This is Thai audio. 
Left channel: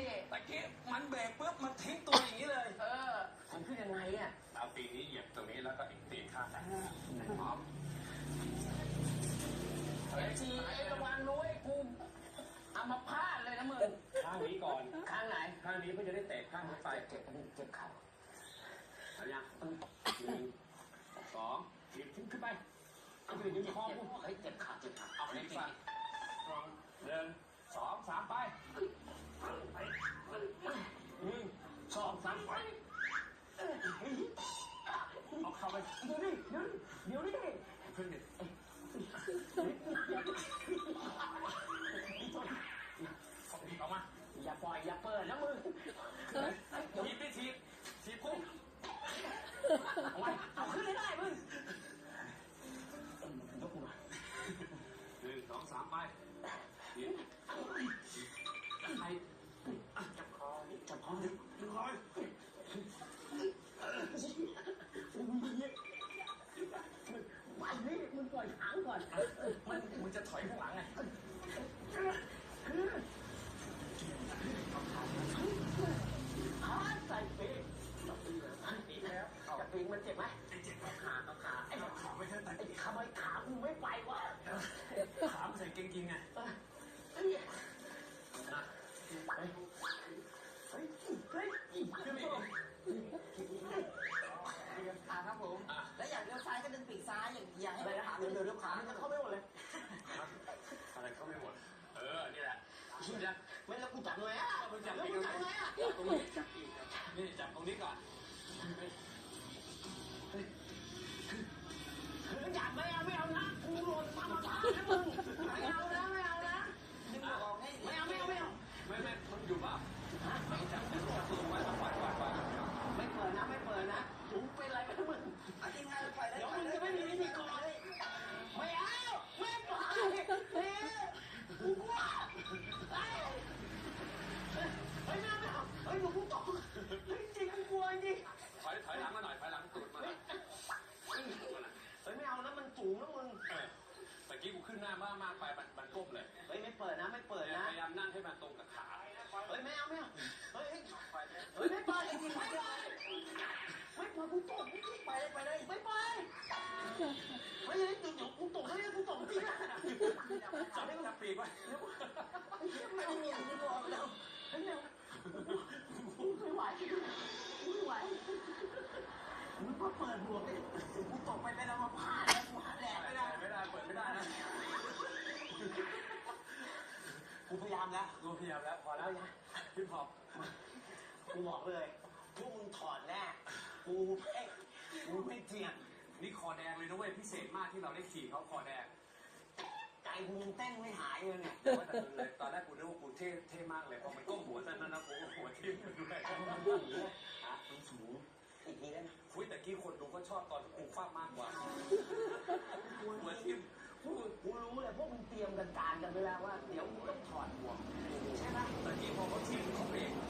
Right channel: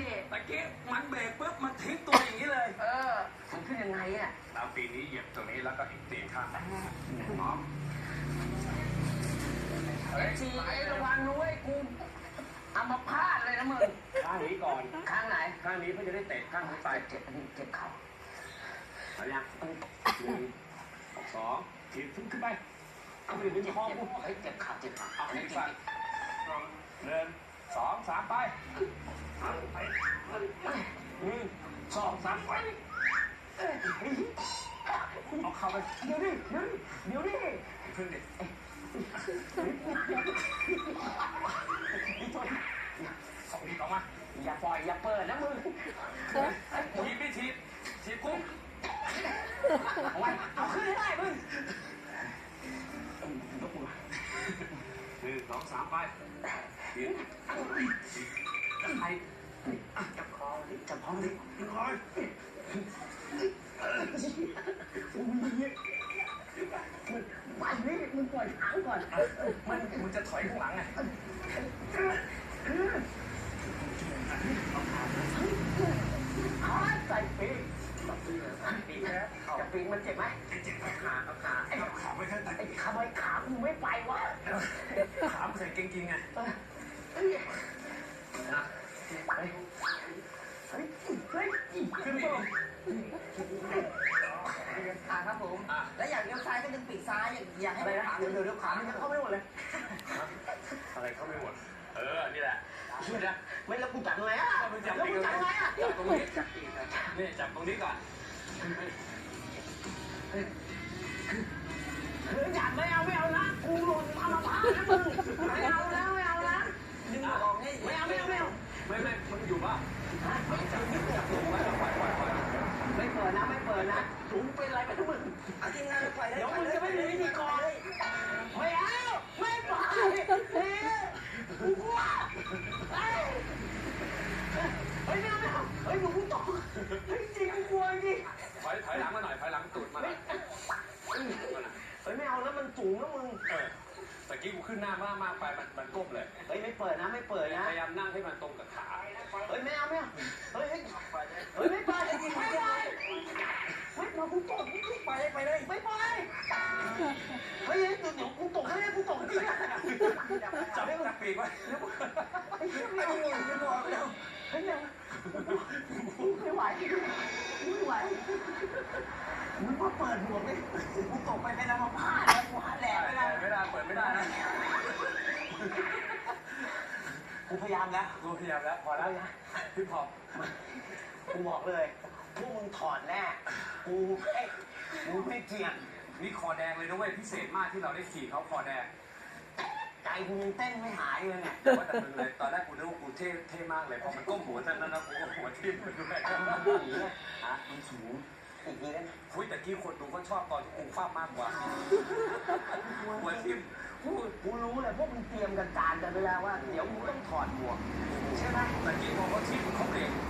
ดิตะกี้มันเบรกปุ๊บมันทิ้งตัวอย่างนี้เลย เออมันขึ้นยังไงอะแล้วปีนี้เหยียบตัวนี้แล้วก็อีกตีนข้างพร้อมเฮ้ยทีไอ้ระวังนุ้ยกูเอามาพลาดเลยนะมึงข้างนี้ก่อน ข้างไหน ข้างนี้เพื่อจะได้เตะข้างนี้ไปเจ็บอันนี้เจ็บเข่าเอายังหนึ่งสองถีบขึ้นขึ้นไปเอาไปดึงคอกูเฮ้ยเจ็บเข่าเจ็บเข่าเอาอันให้นี้เจ็สั่นบหนึ่ง สองสามไปอาไปหนึ่งสองสามไปเอาเข้าไปเดี๋ยวดิเดี๋ยวดิเดี๋ยวดิขึ้นดิสองทีออกมาอย่าปล่อยอย่าเปิดนะมึงทีบไม่ทีบทีบคุ้มเอาไว้เอาขึ้นให้ได้มึงยกมือหนึ่งสองสามไป ไปจับคอดิจับคอดิดึงคอยไปนี่มึงปล่อยหางก่อนมันมันจะถอยข้างหลังไงขาใส่ปีกปีกนะจะปีกมันเจ็บไหมเจ็บขาขาไอ้ขาไว้ขาไว้ขามึงไม่ไปวะขาใส่เก่งจริง ขาครับผมอะแล้วอยากเลี้ยวซ้ายก็ดึงปีกซ้าย อย่างอยากให้อะไรนะเดี๋ยวเดี๋ยวเดี๋ยวขามันจะเข้าไม่หมดเลย อะไรเข้าไม่หมด เออ นี่แหละช่วยนะไม่แล้วกูจับไงอะมึงจับแล้วปีกูกจับไงอะจับตรงนี้นี่จับตรงนี้ก่อนเฮ้ยจับไม่เอาไม่เอานะกูหล่นทำมาพานะมึงไม่เอานะไม่เอานะดึงออกให้ไม่เอาไม่เอาไม่เอา ไม่ไม่มันอยู่ป่ะจับจับตรงไว้แล้วปล่อยปล่อยปล่อย ไม่เปิดนะไม่เปิดนะถุงเป็นอะไรกันทุกมึงจริงนะเดี๋ยวมึงจะไม่มีวิธีกรไม่เอาไม่ไปเฮ้ยกูกลัวเฮ้ยเฮ้ยไม่เอาไม่เอาเฮ้ยหนูกูตกเฮ้ยจริงกูกลัวจริง ถอยถอยหลังมาหน่อยถอยหลังตูดมาหน่อย เฮ้ยไม่เอานะมัน สูงนะมึงเออตะกี้กูขึ้นหน้ามากมากไปมันมันก้มเลยเฮ้ยไม่เปิดนะไม่เปิดนะพยายามนั่งให้มันตรงกับขาเฮ้ยไม่เอาไม่เอาเฮ้ยเฮ้ยเฮ้ยไม่ไปไม่ไปไม่มากูตกกูไปไปเลยไม่ไปเฮ้ยเดี๋ยวเดี๋ยวกูตกให้กูตกจริงนะจับจับปีกไว้ไอ้เหี้ยไม่เอาเลยไม่บอกแล้วเฮ้ยไม่ไหวไม่ไหวมึงมาเปิดหัวไปกูตกไปเป็นอัมพาตกูหันแหลกไปแล้ว ไม่ได้เปิดไม่ได้นะ กูพยายามแล้วกูพยายามแล้วพอแล้วพี่พอกูบอกเลยพวกมึงถอดแน่กูไม่กูไม่เจียงนี่คอแดงเลยนะเว้ยพิเศษมากที่เราได้ขี่เขาคอแดงใจกูยังเต้นไม่หายเลยเนี่ยแต่ว่าแต่มึงเลยตอนแรกกูนึกว่ากูเท่เท่มากเลยพอมันก้มหัวนั่นนั่นนะกูก็หัวทิ่มไปด้วยมันสูงเนี่ยฮะมันสูงอีกทีได้ไหมคุยแต่กี้คนดูก็ชอบตอนที่กูฟาดมากกว่าหัวทิ่ม กูกูรู้เลยพวกมึงเตรียมกันการกันไปแล้วว่า เดี๋ยวมึงต้องถอดหมวกใช่ไหมแต่กี้พอเขาทิ้งเขาเอนนี้ไม่มีที่จับเอก็